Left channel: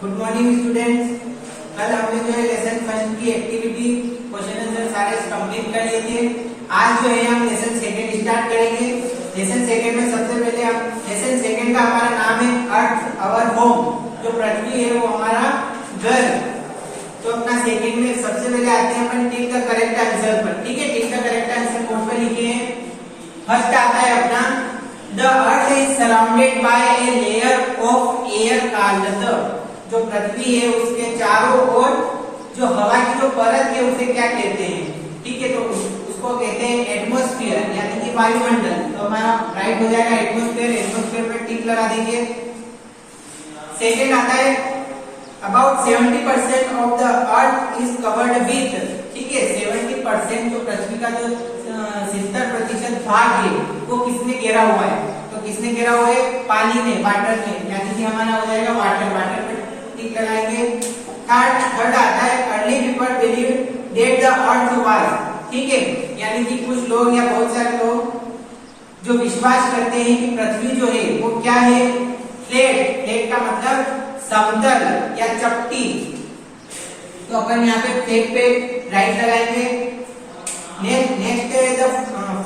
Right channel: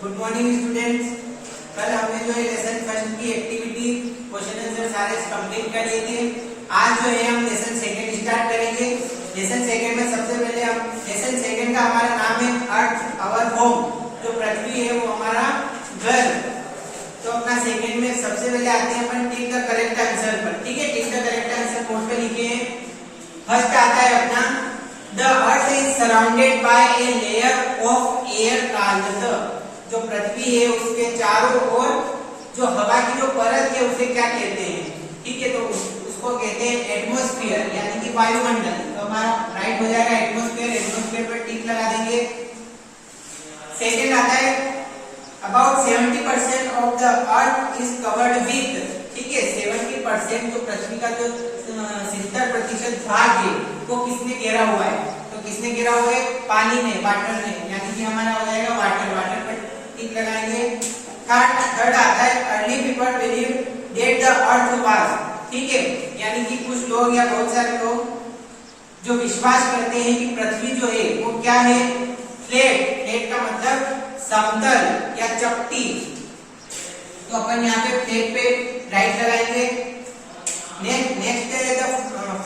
Good morning students. कल हमने जो है लेसन फर्स्ट की एक्टिविटी क्वेश्चन आंसर सारे कंप्लीट कर लिए थे। आज जो है हम लेसन सेकंड स्टार्ट करेंगे। लेसन सेकंड में सबसे पहले हम लेसन सेकंड का हमारा नाम है अर्थ आवर होम। जो पृथ्वी है वो हमारा घर। तो अपना सेकंड में सबसे पहले आते हैं अपन टिक द करेक्ट आंसर पर। ठीक है, tick the correct answer board पे लिखे हैं। फर्स्ट आता है अपना the earth is surrounded by a layer of air called the. जो पृथ्वी है उसके चारों ओर जो हवा की जो परत है उसे क्या कहते हैं? ठीक है, तो उसको कहते हैं एटमॉस्फेयर यानी कि वायुमंडल। तो हमारा राइट हो जाएगा एटमॉस्फेयर। एटमॉस्फेयर पर टिक लगा देंगे। सेकंड आता है about 70% of the earth is covered with. ठीक है, 70% तो पृथ्वी का जो 70% भाग है वो किसने घेरा हुआ है? तो किसने घेरा हुआ है? पानी ने, वाटर ने, यानी कि हमारा हो जाएगा वाटर। वाटर पर टिक लगाएंगे। थर्ड आता है early people believe that the earth was. ठीक है, यानी कि कुछ लोग या बहुत सारे लोग जो विश्वास करते हैं कि पृथ्वी जो है वो क्या है? फ्लैट। फ्लैट का मतलब समतल या चपटी। तो अपन यहाँ पे फ्लैट पे राइट लगाएंगे। नेक्स्ट है द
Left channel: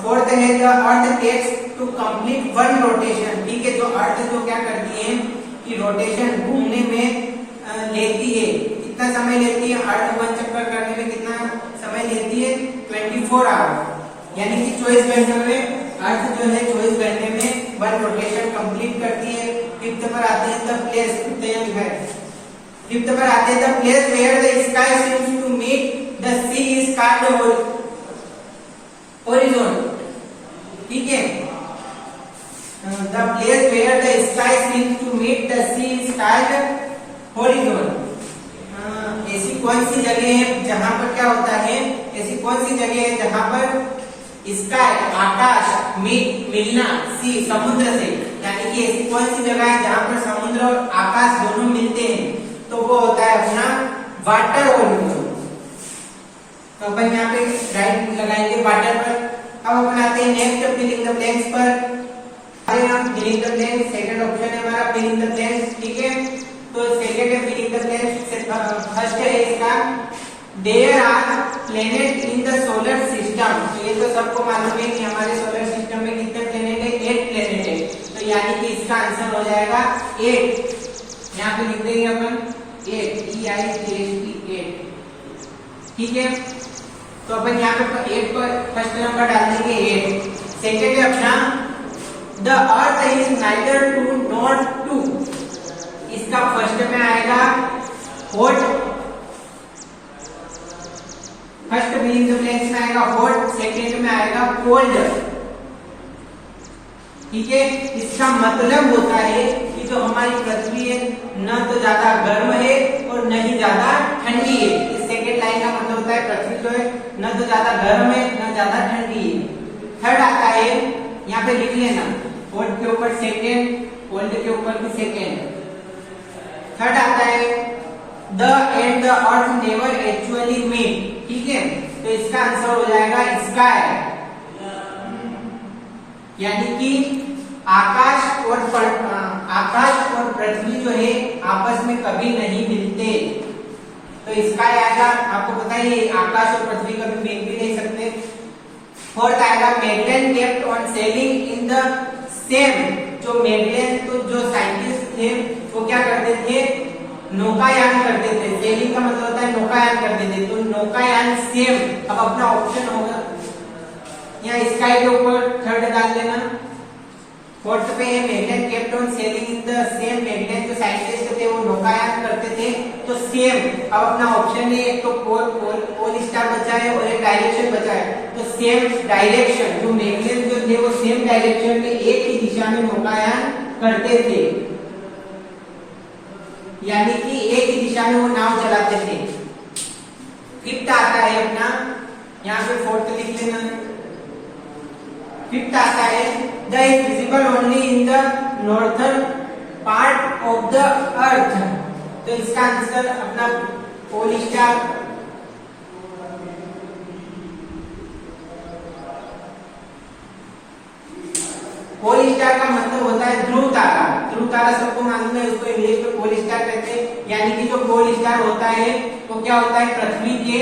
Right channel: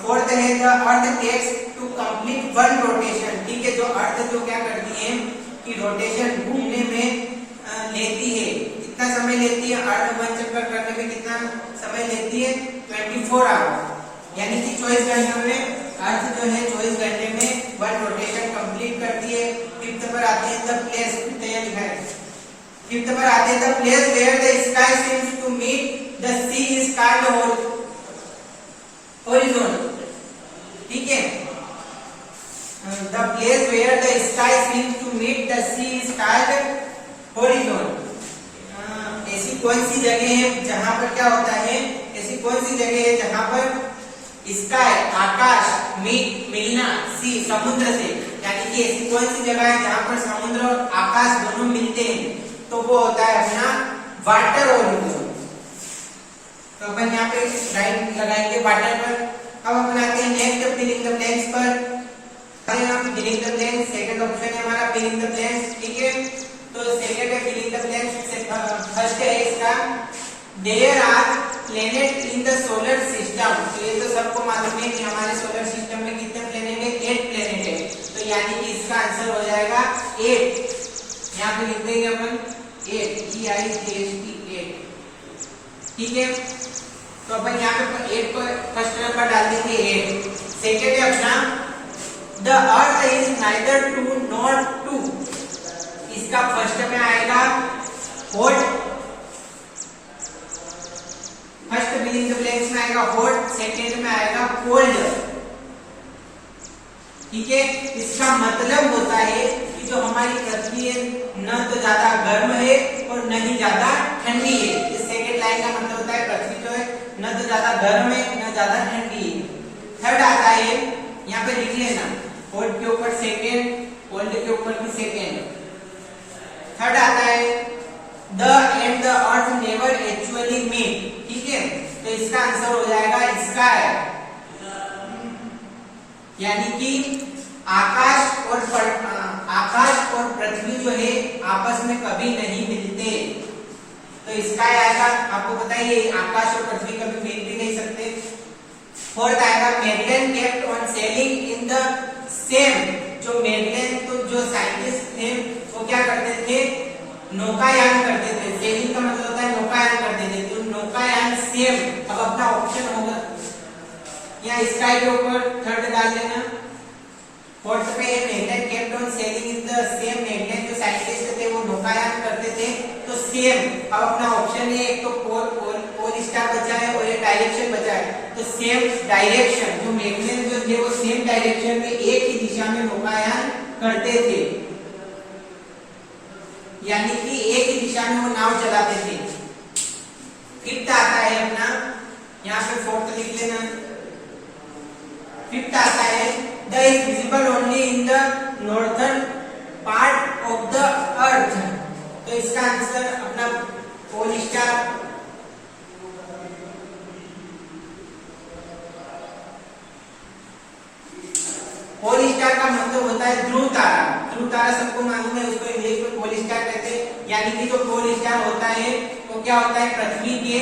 फोर्थ है the earth takes to complete one rotation. ठीक है, जो अर्थ जो क्या करती है कि रोटेशन घूमने में लेती है। कितना समय लेती है? अर्थ वन चक्कर करने में कितना समय लेती है? 24 आवर, यानी कि 24 घंटों में अर्थ जो है 24 घंटे में वन रोटेशन कंप्लीट करती है। फिफ्थ पर आते हैं द प्लेस। फिफ्थ पर आते हैं the place where the sky seems to meet the sea is called horizon. ठीक है, the place where the sky seems to meet the sea is called horizon. ऐसी कौन सी जगह है जहां पर क्या होता है? ऐसी कौन सी जगह है जहां पर स्काई आकाश मिलना सी समुद्र से, यानी कि ऐसी कौन सी जगह है जहां पर समुद्र और आकाश दोनों मिलते हैं? तो वो होता है अपना वाटर होरिजोन। तो अपन यहाँ पे राइट लगाएंगे वाटर पर। अब अपन आते हैं next fill in the blanks पर। हम fill in the blanks, second option है हमारा फिल इन द ब्लैंक्स। ठीक है, तो सेकंड है fill in the blanks. First है इसका there are planet in the solar system. तो ये तो सबको मालूम है कि हमारे सोलर सिस्टम में कितने प्लेनेट है? 8 प्लेनेट है। तो यानी कि इसका आंसर हो जाएगा 8। यहाँ पे लिख देंगे अपन 8 EIGHT। ठीक है, तो अपन यहाँ पे 8 पर फर्स्ट नंबर डाल देंगे 8। सेकेंड है अपना the earth is neither too not too. इसका फर्स्ट में आएगा hot. First fill in the blanks में आएगा हॉट, सेकेंड में आएगा कोल्ड। ठीक है, इसका मतलब होता है कि जो हमारी पृथ्वी है न तो ज्यादा गर्म है और न ही ज्यादा ठंडी है। इस सेकेंड लाइन का मतलब होता है पृथ्वी जो है न तो ज्यादा गर्म है न ज्यादा ठंडी है। थर्ड आता है, यहाँ पे लिख लेना, हॉट के ऊपर सेकेंड, कोल्ड के ऊपर भी सेकेंड। थर्ड आता है the and the earth never actually meet. ठीक है, तो इसका आंसर हो जाएगा स्काई, यानी कि आकाश और पृथ्वी जो है आपस में कभी नहीं मिलते। तो स्काई आएगा। आपको पता ही आकाश और पृथ्वी कभी मिल भी नहीं सकते। फोर्थ आएगा Magellan kept on sailing in the same. जो मेगलेन तो जो साइंटिस्ट थे वो क्या करते थे? नौकायान करते थे। सेलिंग का मतलब होता है नौकायान करते थे। तो नौकायान सेम। अब अपना ऑप्शन होगा यहाँ स्काई के ऊपर थर्ड डाल देना। फोर्थ पे Magellan kept on sailing in the same. Magellan जो साइंटिस्ट थे वो नौकायान करते थे, तो सेम। अब अपना ऑप्शन है एक तो पोल स्टार बचा है और एक डायरेक्शन बचा है। तो सेम डायरेक्शन, जो मेगलेन जो थे वो सेम डायरेक्शन में एक ही दिशा में नौकायान करते थे, यानी कि एक ही दिशा में वो नाव चलाते थे। फिफ्थ आता है अपना, यहाँ पे फोर्थ लिख लेना। फिफ्थ आता है the is visible only in the northern part of the अर्थ। तो इसका आंसर अपना पोल स्टार। पोल स्टार का मतलब होता है ध्रुव तारा। ध्रुव तारा सबको मालूम है, उसको इंग्लिश में पोल स्टार कहते से, यानी कि जो पोल स्टार होता है वो क्या होता है, पृथ्वी के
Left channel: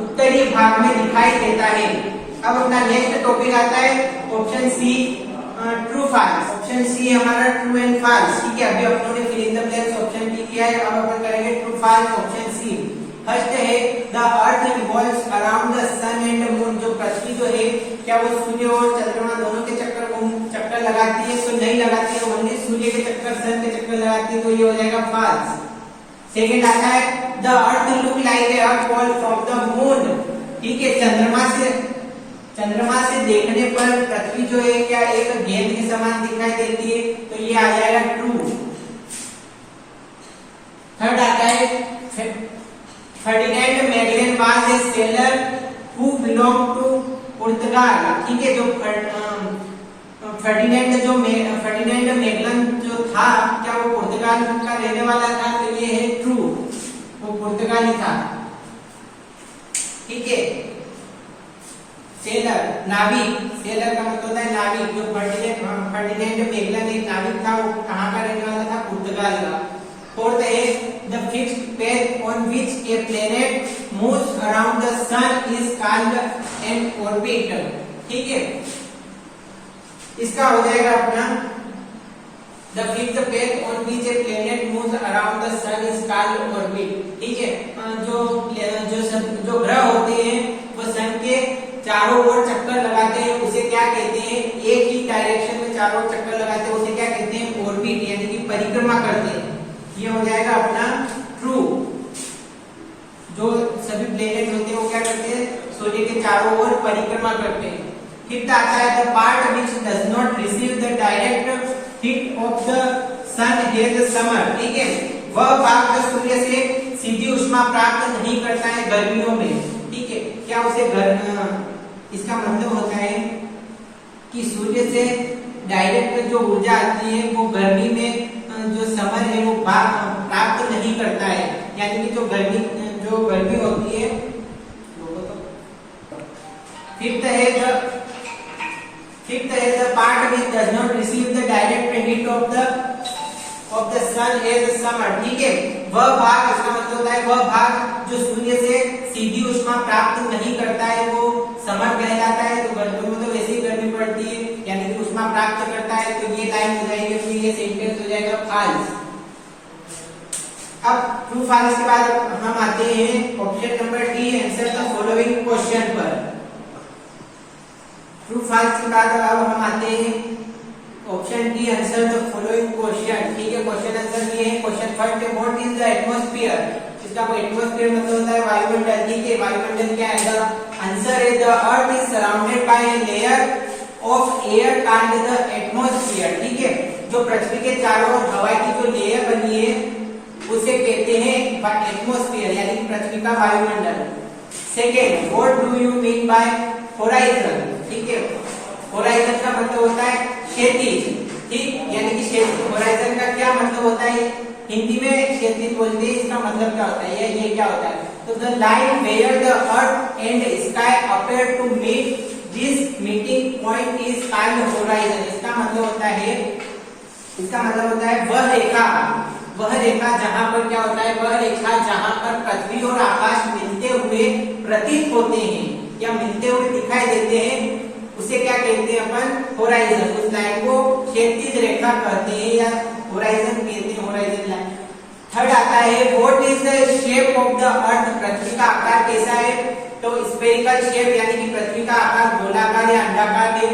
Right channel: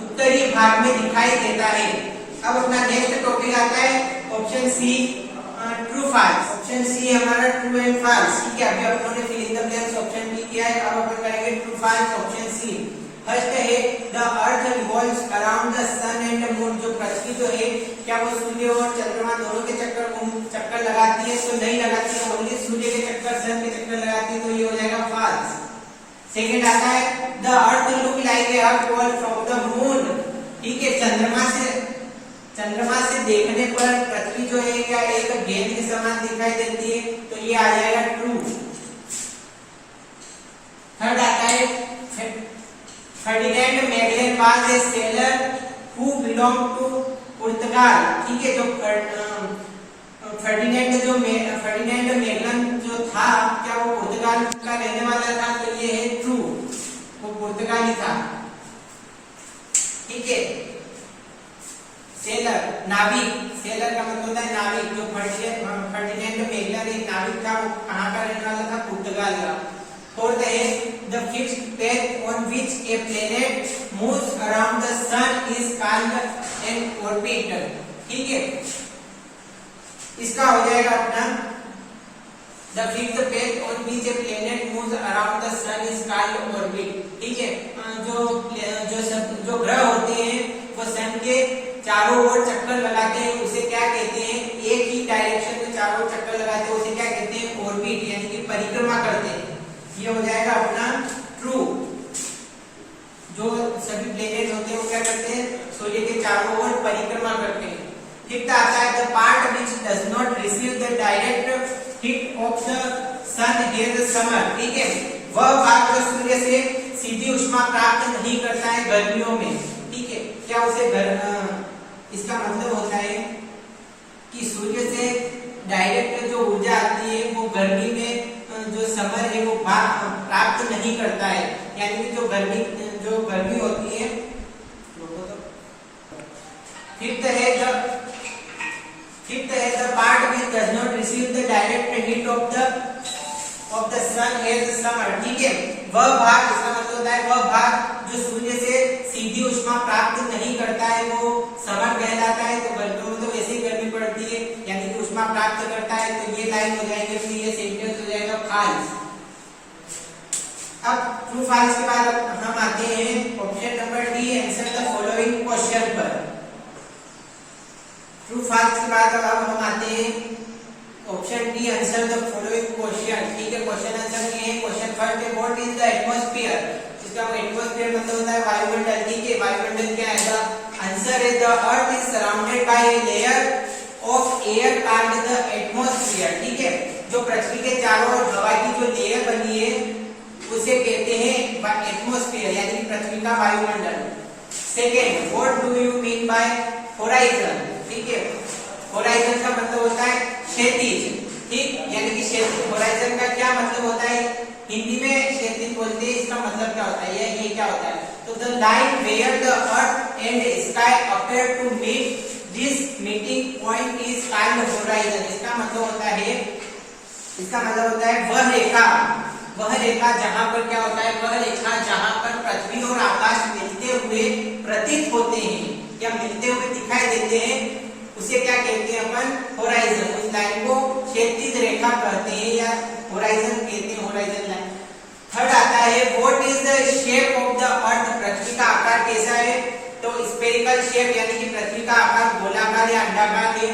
उत्तरी भाग में दिखाई देता है। अब अपना नेक्स्ट टॉपिक आता है option C, true false. Option C हमारा ट्रू एंड फाल्स, ठीक है। अभी अपनों ने fill in the blanks option B किया है, अब अपन करेंगे true false option C. First है the earth revolves around the sun and moon. जो पृथ्वी जो है क्या वो सूर्य और चंद्रमा दोनों के चक्कर लगाती है? तो नहीं लगाती है, ओनली सूर्य के चक्कर, सन के चक्कर लगाती है, तो ये हो जाएगा फाल्स। सेकंड आता है the earth look like a ball from the moon, ठीक है। चंद्रमा से देखने पर पृथ्वी जो है क्या एक गेंद के समान दिखाई देती है, तो ये आ जाएगा ट्रू। थर्ड आता है Ferdinand Magellan was a sailor who belong to पुर्तगाल, ठीक है। जो फर्डिनेंड मैगेलन जो था क्या वो पुर्तगाल का रहने वाला था, तो ये है ट्रू, वो पुर्तगाली था, ठीक है। सेलर नाविक, सेलर का मतलब होता है नाविक। जो फर्डिनेंड मैगेलन एक नाविक था, वो कहाँ का रहने वाला था, पुर्तगाल का। फोर्थ है the fixed path on which a planet moves around the sun is called an orbit, ठीक है। इसका हो जाएगा अपना the fixed path on which a planet moves around the sun is called orbit, ठीक है। जो ग्रह होते हैं वो सन के चारों ओर चक्कर लगाते हैं, उसे क्या कहते हैं, एक ही डायरेक्शन में चारों ओर चक्कर लगाते हैं, उसे क्या कहते हैं, ऑर्बिट, यानी कि परिक्रमा करते हैं। ये हो जाएगा अपना ट्रू। जो सभी प्लेनेट होते हैं वो क्या करते हैं, सूर्य के चारों ओर परिक्रमा करते हैं। फिफ्थ आता है the part which does not receive the direct heat of the sun in summer, ठीक है। वह भाग जो सूर्य से सीधी उष्मा प्राप्त नहीं करता है गर्मियों में, ठीक है। क्या उसे इसका मतलब होता है कि सूर्य से डायरेक्ट जो ऊर्जा आती है वो गर्मी में जो समर है वो प्राप्त नहीं करता है, यानी कि जो गर्मी होती है। फिफ्थ है the part which does not receive the direct heat of the sun as summer, ठीक है। वह भाग, इसका मतलब होता है वह भाग जो सूर्य से सीधी उष्मा प्राप्त नहीं करता है वो समर कहलाता है। तो गर्मियों में तो वैसे ही गर्मी पड़ती है, यानी कि उष्मा प्राप्त करता है, तो ये लाइन हो जाएगी अपनी, ये सेंटेंस हो जाएगा फाल्स। अब ट्रू फाल्स के बाद हम आते हैं option number D, answer the following question पर। ट्रू फाल्स के बाद अब हम आते हैं option D, answer the following question, ठीक है। क्वेश्चन आंसर ये है। क्वेश्चन फर्स्ट है व्हाट इज द एटमॉस्फेयर। इसका एटमॉस्फेयर मतलब होता है वायुमंडल, ठीक है। वायुमंडल क्या है, आंसर है the earth is surrounded by a layer of air called the atmosphere, ठीक है। जो पृथ्वी के चारों ओर हवा की जो लेयर बनी है उसे कहते हैं एटमॉस्फेयर, यानी कि पृथ्वी का वायुमंडल। Second, what do you mean by horizon, ठीक है। होराइजन का मतलब होता है क्षैतिज, ठीक, यानी कि क्षैतिज। होराइजन का क्या मतलब होता है, हिंदी में क्षैतिज बोलते हैं, इसका मतलब क्या होता है, ये क्या होता है, तो the line where the earth and sky appear to meet this meeting point is called horizon. इसका मतलब होता है वह रेखा जहां पर क्या होता है, वह रेखा जहां पर पृथ्वी और आकाश मिलते हुए प्रतीत होते हैं या मिलते हुए दिखाई देते हैं, उसे क्या कहते हैं अपन, होराइजन। उस लाइन को क्षैतिज रेखा कहते हैं या होराइजन कहते हैं, होराइजन लाइन। थर्ड आता है what is the shape of the earth. पृथ्वी का आकार कैसा है, तो स्फेरिकल शेप, यानी कि पृथ्वी का आकार गोलाकार या अंडाकार है।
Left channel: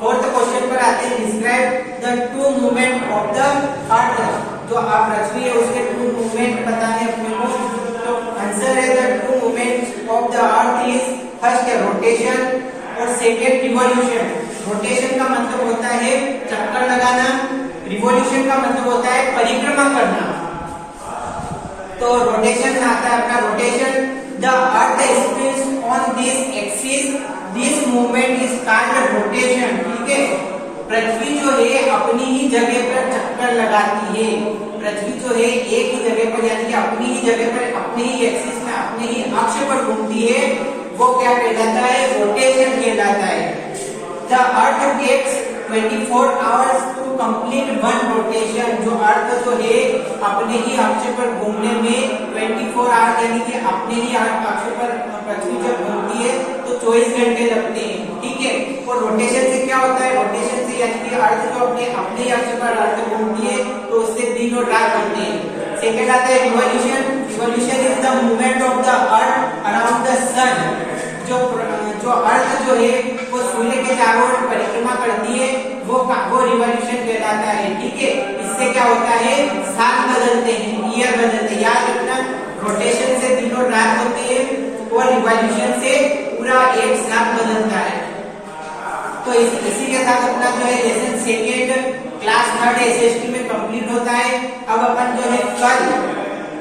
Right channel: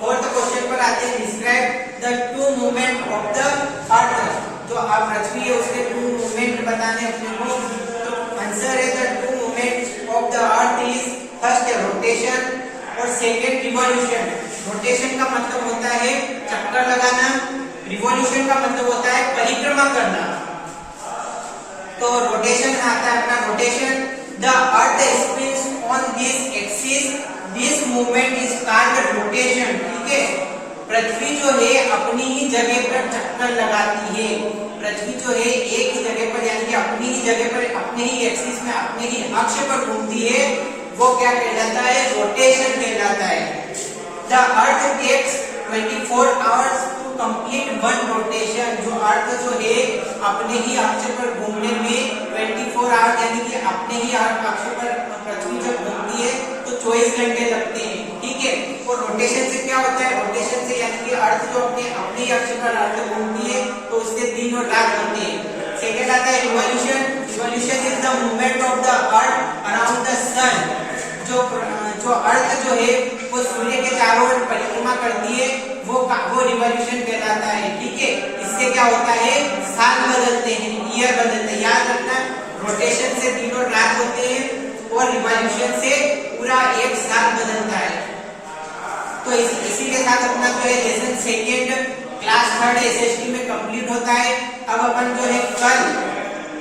फोर्थ क्वेश्चन पर आते हैं describe the two movement of the अर्थ। जो पृथ्वी है उसके टू मूवमेंट बताने अपने को, तो आंसर है the two movement of the earth is first rotation और सेकेंड रिवॉल्यूशन। रोटेशन का मतलब होता है चक्कर लगाना, रिवॉल्यूशन का मतलब होता है परिक्रमा करना। तो रोटेशन आता है अपना rotation, the earth spins on this axis, this movement is called rotation, ठीक है। पृथ्वी जो है अपनी ही जगह पर चक्कर लगाती है, पृथ्वी जो है एक ही जगह पर, यानी कि अपनी ही जगह पर, अपने ही एक्सिस में, अपने ही अक्ष पर घूमती है, वो क्या कहलाता है, रोटेशन कहलाता है। The earth takes 24 hours to complete one rotation, जो अर्थ जो है अपने ही अक्ष पर घूमने में 24 आवर्स, यानी कि अपने ही अक्ष पर पृथ्वी जब घूमती है तो 24 घंटे लगते हैं, ठीक है। और रोटेशन से क्या होता है, रोटेशन से यानी कि अर्थ जो अपने ही अक्ष पर अर्थ घूमती है तो उससे दिन और रात होते हैं। सेकंड आता है revolution. Revolution is the movement of the earth around the sun. जो अर्थ जो है वो सूर्य के चारों ओर परिक्रमा करती है, वो रिवॉल्यूशन कहलाता है, ठीक है। इससे क्या होता है, साल बदलते हैं, ईयर बदलते हैं। याद रखना, रोटेशन से दिन और रात होते हैं और रिवॉल्यूशन से पूरा एक साल बदलता है। तो इसी के साथ अपना जो है lesson second class third SST में कंप्लीट होता है। अब अपन जो है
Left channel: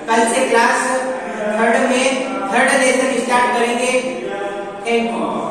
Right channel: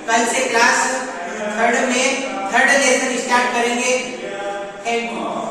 कल से क्लास थर्ड में थर्ड लेसन स्टार्ट करेंगे। Thank you.